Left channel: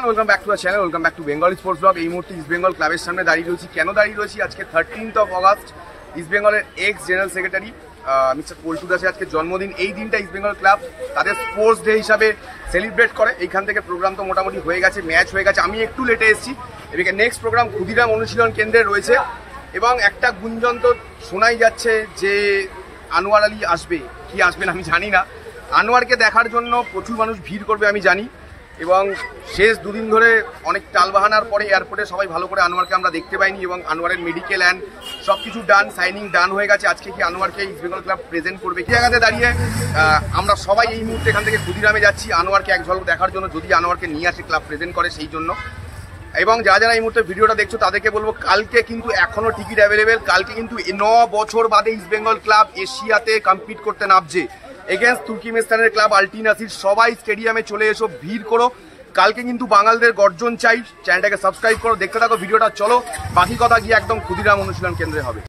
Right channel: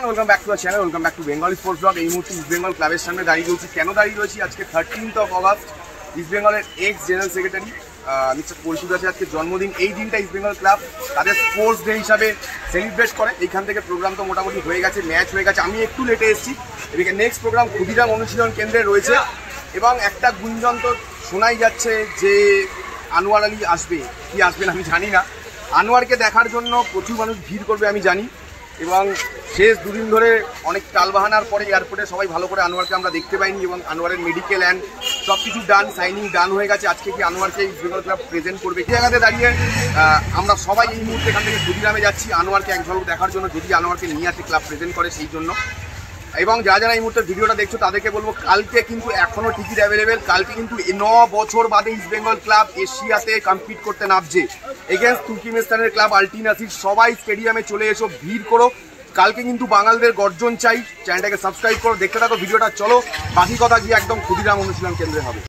Welcome back to the channel, welcome back to Bengal sports blog. এই মুহূর্তে east Bengal ক্লাবের সামনে দাঁড়িয়ে রয়েছি। কেন দাঁড়িয়ে রয়েছি? আজকে 13th অগাস্ট ইস্ট বেঙ্গলের এক্স জেনারেল সেক্রেটারি মিস্টার পরিশু দাসের আজকে জন্মদিন। এই দিনটা ইস্ট বেঙ্গল ক্লাব তাদের স্পোর্টস ডে হিসাবে সেলিব্রেট করে। এইখান থেকে প্রোগ্রাম তো মোটামুটি হয়ে গেছে, ম্যাচ হয়ে গেছে। আমি একটু লেটে এসেছি। এদিকে নেক্সট প্রোগ্রাম ক্ষুদিরাম অনুশীলন কেন্দ্রে রয়েছে এবং একটা গুঞ্জন তো শোনাই যাচ্ছে যে আনোয়ার আলী আসবে কি আসবে না আমি জানি না। আনোয়ারকে দেখার জন্য প্রচুর মানুষ ভিড় করবে আমি জানি, এবং শেষ দুদিন ধরে অনেক টালবাহানার পরে এয়ারপোর্টে সবাই ভালো করে আনোয়ারকে আমরা দেখতে পাইনি, এবং আনোয়ারের মেডিকেল অ্যান্ড সব কিছু ডান, সাইনিং ডান হয়ে গেছে। আজকে কি আনোয়ারকে ইস্ট বেঙ্গল ক্লাব প্রেজেন্ট করবে এই জায়গাতে দাঁড়িয়ে আমরা সবাই এই মুহূর্তে এখান থেকে ক্ষুদিরামে যাচ্ছি আনোয়ারকে এক ঝলক দেখার জন্য, যদি আনোয়ারকে নিয়ে আসে ক্লাব প্রেজেন্ট করে সেই জন্য। এবং যারা এই মুহূর্তে ভিডিওটা দেখছো তাদেরকে বলবো, কালকে কিন্তু এখনও টিকিট অ্যাভেলেবেল। কালকে কিন্তু 9 বছর বাদে ইস্ট বেঙ্গল ক্লাব এশিয়াতে কম্পিট করতে নামছে এগেন্স্ট তুর্কিমেস্তানের ক্লাব আলটিনাসির। সবাই স্টেডিয়ামে চলে এসো, ভিড় করো। কালকে কিন্তু বাঙালদের গর্জন চাই। চ্যানেলটাকে সাবস্ক্রাইব করো, দেখতে থাকো ভিডিওটা। চলো বাকি কথা গিয়ে একদম ক্ষুদিরাম অনুশীলন কেন্দ্রে হবে।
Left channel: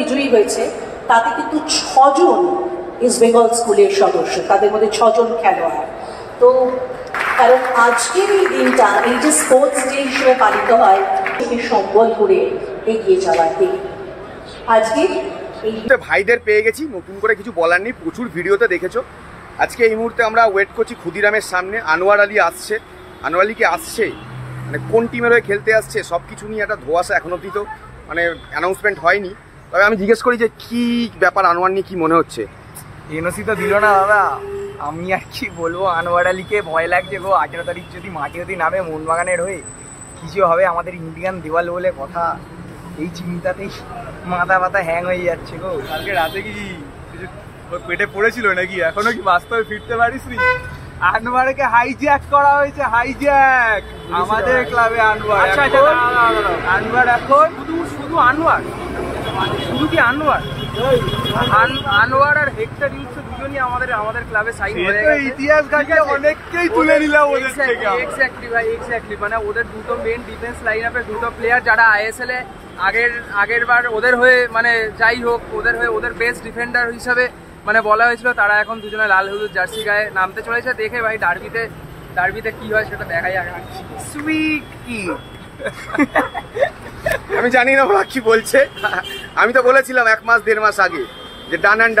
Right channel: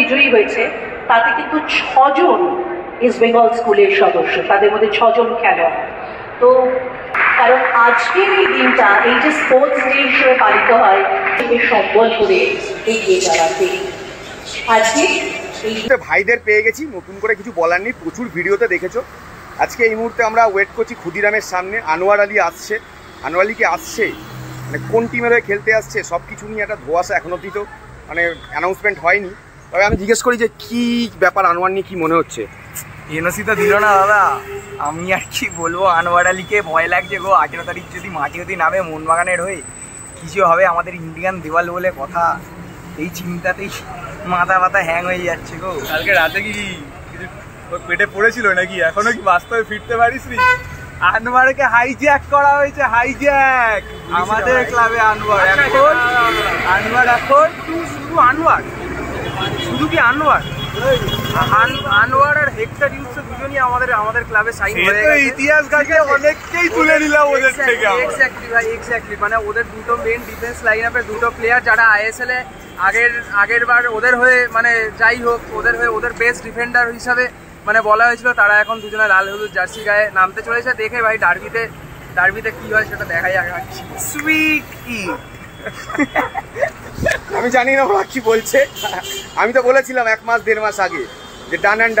বিজয়ী হয়েছে, তাতে কিন্তু 6 জন ইস্ট বেঙ্গল স্কুলের সদস্য, তাদের মধ্যে 6 জন খেলোয়াড়। তো কারণ আজকের এই দিনটা এই যে স্পোর্টস ডে হিসেবে পালিত হয়, সম্বল করে এগিয়ে যাওয়াতে আজকে ভাইদের পেয়ে গেছি। নতুন করে কিছু বলার নেই, প্রচুর ভিডিওতে দেখেছো। আজকে এই মুহূর্তে আমরা ওয়েট করছি ক্ষুদিরামের সামনে। আনোয়ার আলী আসছে। আনোয়ার আলী কি আসছে, মানে কোন টিমের হয়ে খেলতে আসছে, সব কিছু নিয়ে একটা ধোঁয়াশা। এখন অব্দি তো মানে অ্যানাউন্সমেন্ট হয়নি। তবে আমি জিজ্ঞেস করি যে কি ব্যাপার, আনোয়ার নিয়ে কি মনে হচ্ছে? এনওসি তো দিল না দাদা। আমি আর কি বলবো, আনোয়ার আলীকে ভয় লাগছে গো। 18 তারিখ যদি মাঠে যদি নামে মোহনবাগানের হয়ে, কিছু হবে আমাদের ইন্ডিয়ান দেওয়াল বলে কথা। এই চিন্তাতেই মাথা ব্যথা হ্যাং হয়ে যাচ্ছে গো। কালকে রাতে কি কিছু পেটে পড়েছিল নাকি? এখনো কি বাস্তবে ফিরতে পারিস নি? আনোয়ারকে হাইজ্যাক করা হয়েছে, হাইজ্যাক আমাদের ক্লাবে। আনোয়ার এখন শুধু আনোয়ার, শুধু কি আনোয়ার আর হেক্টর ইউসুফ দুজনই আমাদের ক্লাবে সাইন হয়ে গেছে। ইতিহাস ঘাটিয়ে অনেককেই তুলে নিলাম ওদের থেকে। এক্স্যাক্টলি ভাই, এক্স্যাক্টলি। মানে ওদের দুটো মেন ডিফেন্স লাইন আপের দুটো প্লেয়ার যারা আইএসএল এ আগের বার ওদের হয়ে, মানে যাই হোক ওদের হয়ে ওদের বেস্ট ডিফেন্ডার হিসাবে মানে বলা হয়েছিল, তারা এখন দুজনে লাল হলুদ জার্সি গায়ে নামতে চলেছে। দেখে ভাই ডার্বিতে কি হয় সেটা দেখাই আকাঙ্ক্ষী। সুইট কি আমি জানি না ওরা কি বলছে। আমি তো বলেছিলাম 1 মাস 1.5 মাস আগে যে ডান অ্যান্ড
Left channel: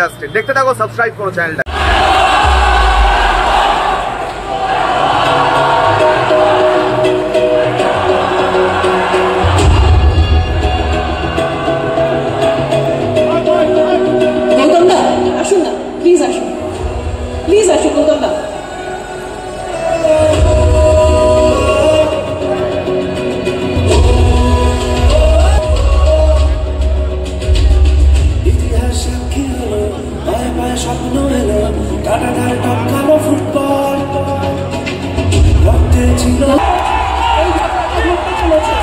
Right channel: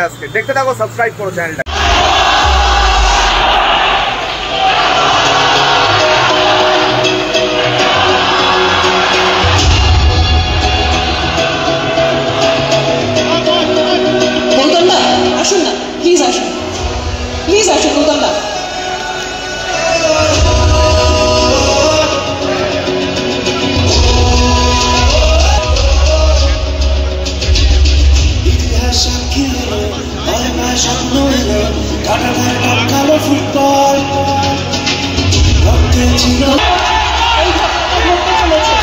ডাস্টেড। দেখতে থাকো, সাবস্ক্রাইব করো চ্যানেলটা। গৌতম দা আসুন না, প্লিজ আসুন গৌতম দা। ফুটবল এই ঘটনাটা ঘটতে চলেছে।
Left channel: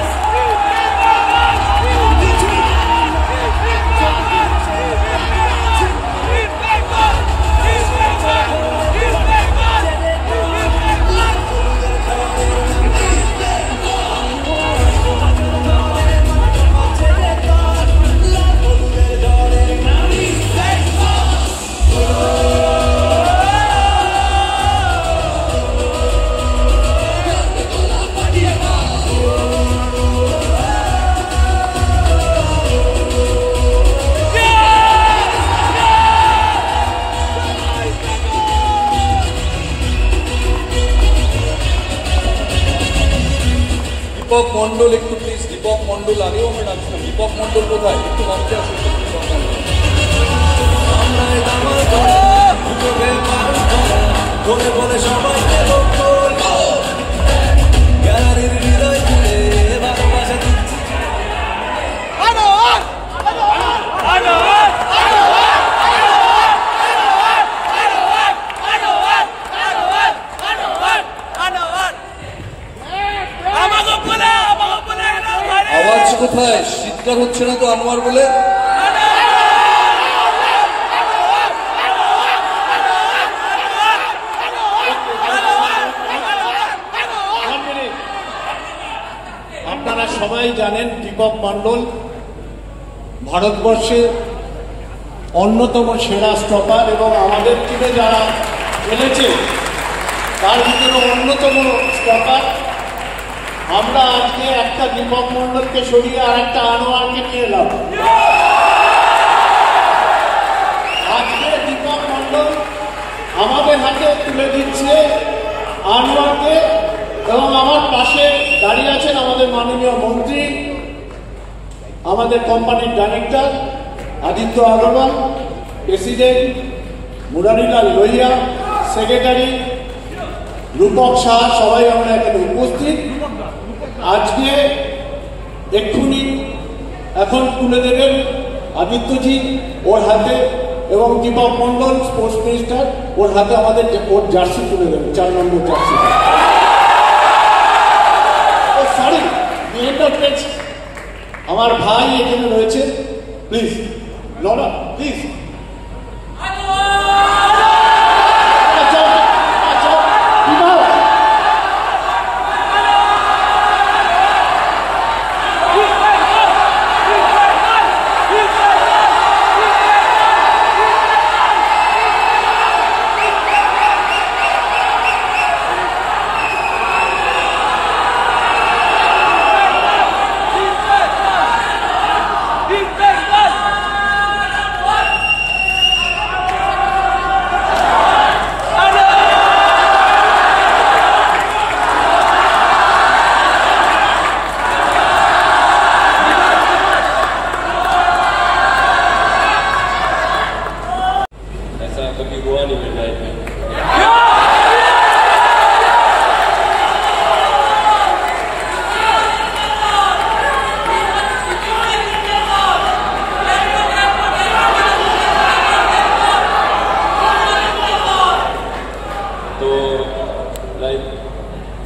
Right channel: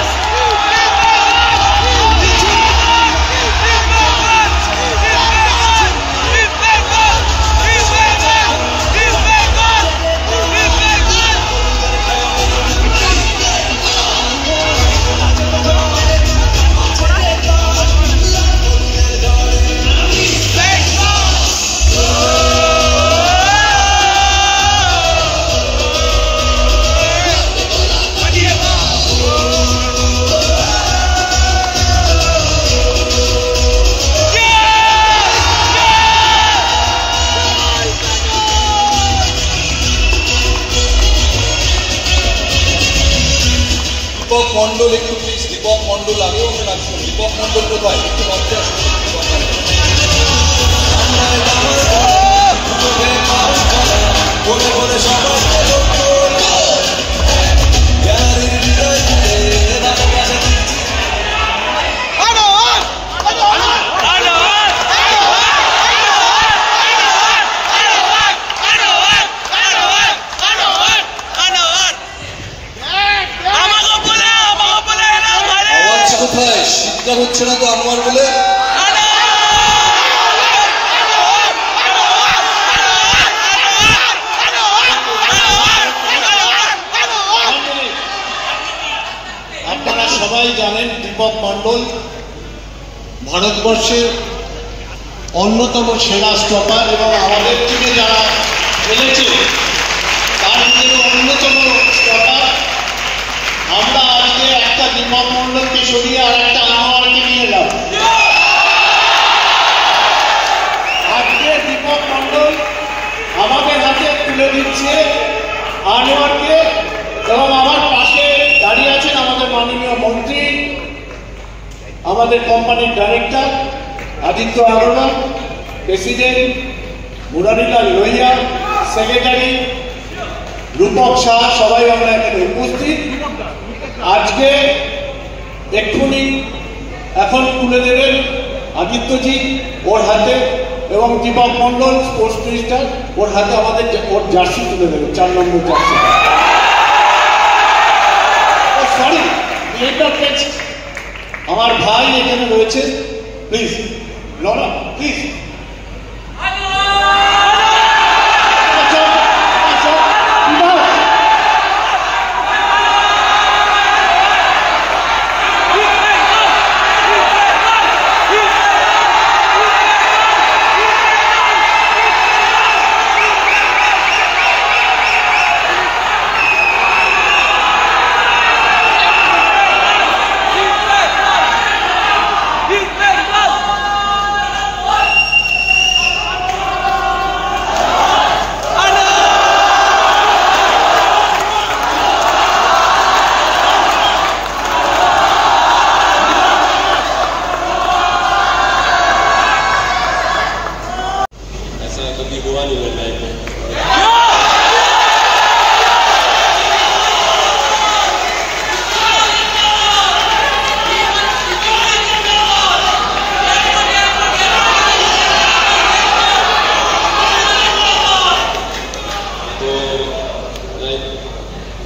দীপক মন্ডল একটু প্লিজ, দীপক মন্ডল আগেও আমরা ডাকছিলাম। দীপক মন্ডল কোথায়? একটু মঞ্চে আসুন। কোথায় চিৎকার হচ্ছে না তো আনোয়ার বলে? আপনারা সবাই জানেন দীপক মন্ডল ভারতবর্ষের অন্যতম সেরা স্টপার, এবং আমাদের টিমে যারা খেলেছে দীপক মণ্ডলকে সরিয়ে আর একটা আনোয়ারকে নিয়ে এলাম। আজকে দীপক মণ্ডল আমাদের হাতে তুলে দিচ্ছে আনোয়ারকে, এবং আমার পাশে দাঁড়িয়ে আছেন আমাদের মাননীয় মন্ত্রী, আমাদের কোম্পানির director Aditya Agarwal, president Murarilal Lohia, secretary Rupak Shah, সবাই আমরা এখানে উপস্থিত। আজকে এক্ষুনি এখন তুলে দেবেন আদিত্যজি ওর হাতে, এবং দীপক মণ্ডল স্পোর্টস মিনিস্টার ওর হাতে আমাদের ওর জার্সি তুলে দেবেন, 4 নম্বর জার্সি। ও সরি, আমার ভাই এখানে রয়েছে, প্লিজ লরা প্লিজ।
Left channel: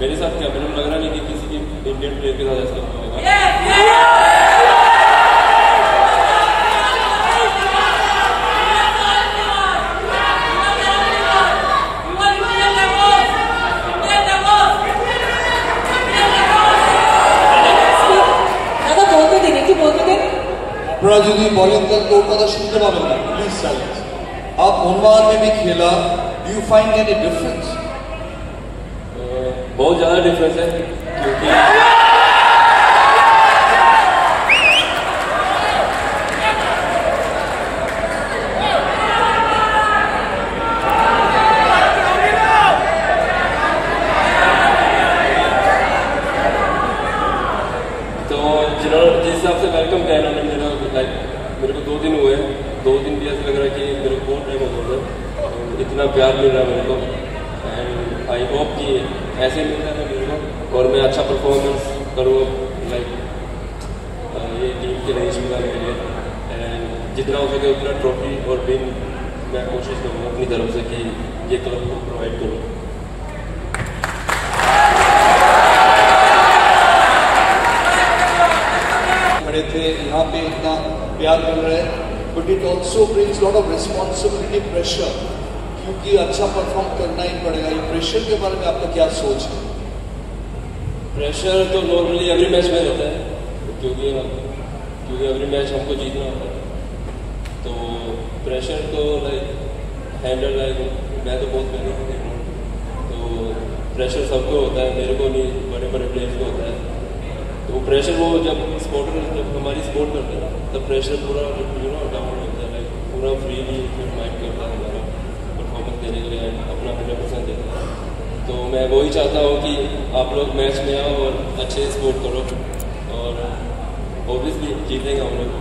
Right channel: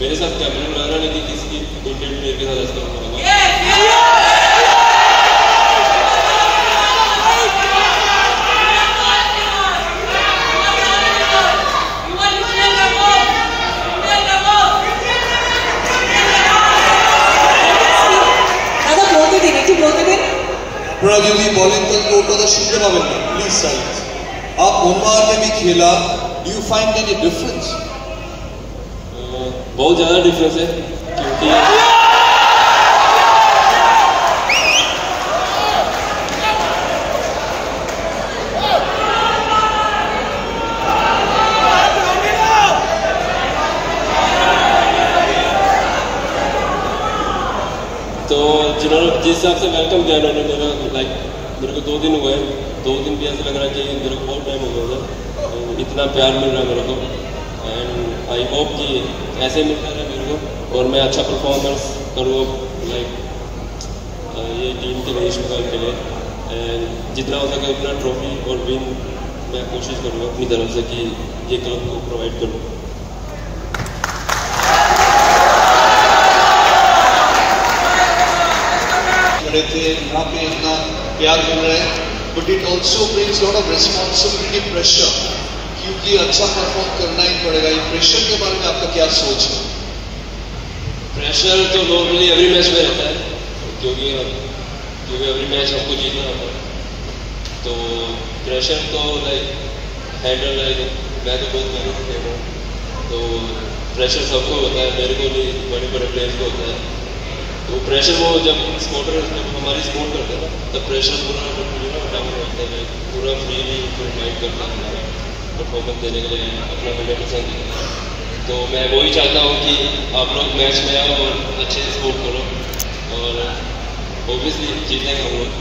मेरे साथ क्या मैंने लग रहा नहीं कि किसी इंडियन प्लेयर के साथ ऐसा होगा। আপনারা যদি বলেন তাহলে ওর কথা শুনতে পাবেন না, প্লিজ সাইলেন্স। आप ओमान में भी खेला, do you find any difference? बहुत ज़्यादा डिफरेंस है, क्योंकि तो जिन्होंने जिस हिसाब से वेलकम किया उन्होंने मेरे को 2 दिन हुए, 2 दिन भी ऐसा लग रहा है कि मेरे को बहुत टाइम हो गया था, इतना प्यार मिल रहा है मेरे को। एंड आई होप कि ऐसे मिलता रहे मेरे को और मैं अच्छा परफॉर्मेंस करूँ ये टीम के लिए, शुक्र के लिए। एंड जितना हो सके उतना ट्रॉफी और विन मैं कोशिश करूँगा अपनी तरफ से कि ये क्लब को प्रोवाइड करूँ। खड़े थे यहाँ पे इतना प्यार मिल रहा है, but it also brings lot of responsibility, pressure, क्योंकि अच्छा परफॉर्म करना ही पड़ेगा। ये प्रेशर के बारे में आपका क्या सोच है? प्रेशर तो नॉर्मली एवरी मैच में रहता है, क्योंकि एवरी मैच हमको जीतना होता है, तो प्रेशर तो हैंडल मैं तो बहुत मेहनत कर रहा हूँ, तो प्रेशर सबको होता है, मेरे को नहीं, बड़े बड़े प्लेयर्स को होता है। तो प्रेशर वो जब स्पोर्टर जब हमारी सपोर्ट करते हैं तब प्रेशर पूरा डाउन होता है, पूरा फ्रीली माइंड करता है हमारा परफॉर्मेंस देने के लिए, अपना 100% देना। तो मैं वही चाहता हूँ कि आप लोग मैच में आओ और अच्छे से सपोर्ट करो, और ऑब्वियसली जीतेंगे हम लोग।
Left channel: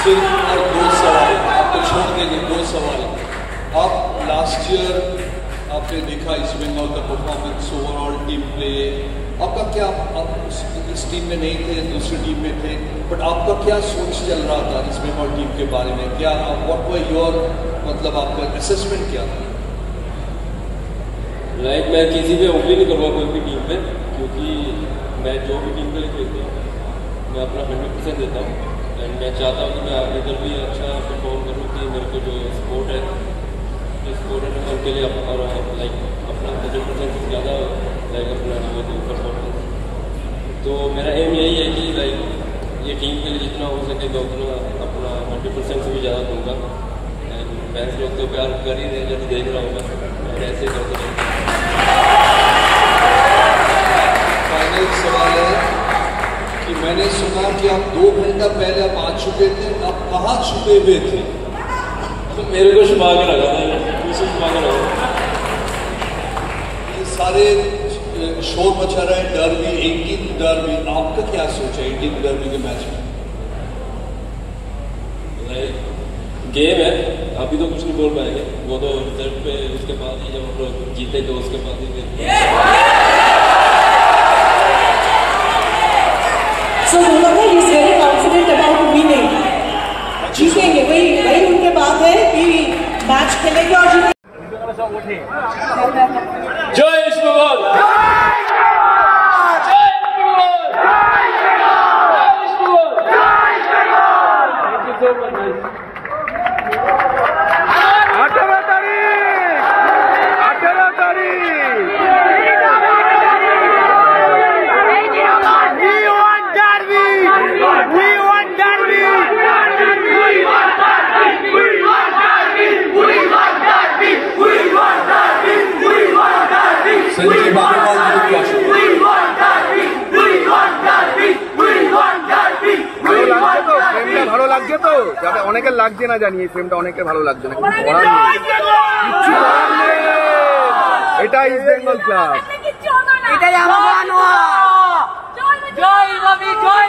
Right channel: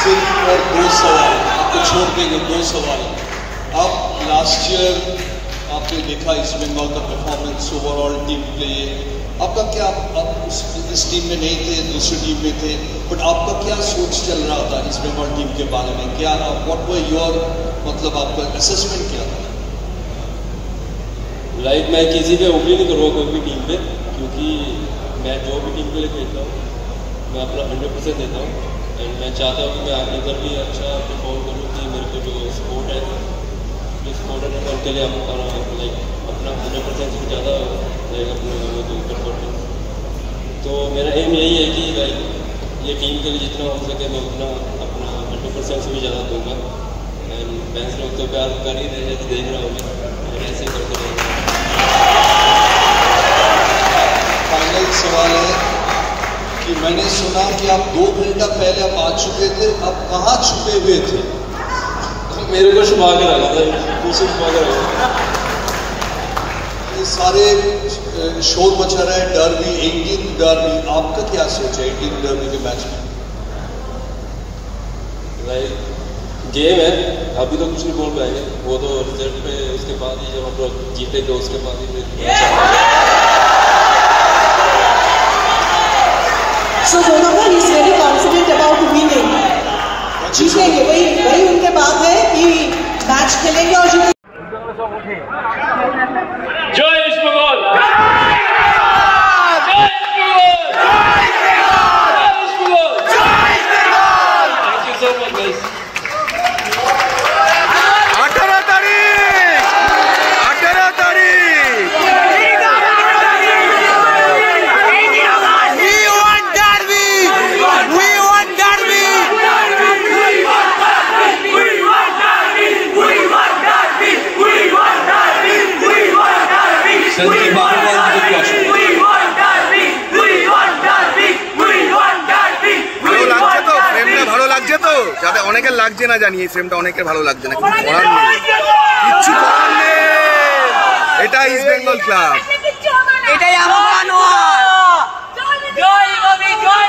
सिर्फ और 2 सवाल आपको छोड़ देंगे, 2 सवाल। आप लास्ट ईयर आपने देखा इस बंगाल का परफॉर्मेंस, ओवरऑल टीम प्ले, आपका क्या, आप इस टीम में नहीं थे, दूसरी टीम में थे, बट आपका क्या सोच चल रहा था इस बंगाल टीम के बारे में? क्या व्हाट वर योर, मतलब आपका असेसमेंट क्या था? मैं किसी पे उम्मीद नहीं करूँगा कोई भी टीम पे, क्योंकि मैं जो भी टीम के लिए खेलता हूँ मैं अपना 100% देता हूँ। एंड मैं चाहता हूँ कि मैं आगे तक भी अच्छा परफॉर्म करूँ, कि मेरे को जो स्पोर्ट है उनके लिए अपना 100% से ज़्यादा अपना परफॉर्मेंस। तो मेरा एम यही है कि ये टीम के लिए जितना हो सके मैं उतना अपना 100% से भी ज़्यादा दूँगा। एंड फैंस लोग तो प्यार कर ही रहे हैं, देख रहा हूँ मैं, ऐसे करते रहेंगे। मैंने सुना कि आप 2 घंटा पहले आप आ चुके थे, आप कहाँ छुपे हुए थे? मेरे को छुपा के रखा था, पीछे छुपा के रखा था। ये सारे शोर मचा रहा है, डर्बी 18 डर्बी, आपका क्या सोच है 18 डर्बी के मैच में? गेम है, अभी तो कुछ नहीं बोल पाएंगे, वो तो रिजल्ट पे उसके बाद ही जब हम लोग जीतेंगे उसके बाद ही। So Mohammed is very confident about winning. जीतेंगे, वही उनके बात है कि मैच खेलेंगे और जीतेंगे। जय East Bengal! Thank you so much, guys. 18 तारीख संजीव अग्रवाल जी के क्वेश्चन। ভালো লাগছে তো, ফ্রেমটা ভালো লাগছে তো, যাতে অনেকের লাগছে না জানি, এই ফ্রেমটা অনেকের ভালো লাগছে না, কিছু করার নেই, কিচ্ছু করার নেই, এটা ইস্ট বেঙ্গল ক্লাব, এটাই আমার জয় ববি, জয়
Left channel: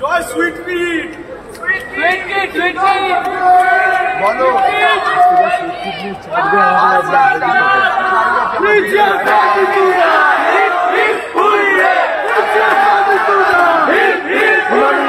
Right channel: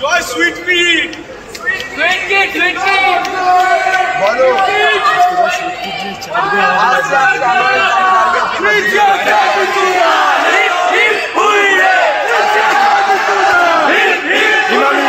জয় সুইট মিট, বলো ইমামি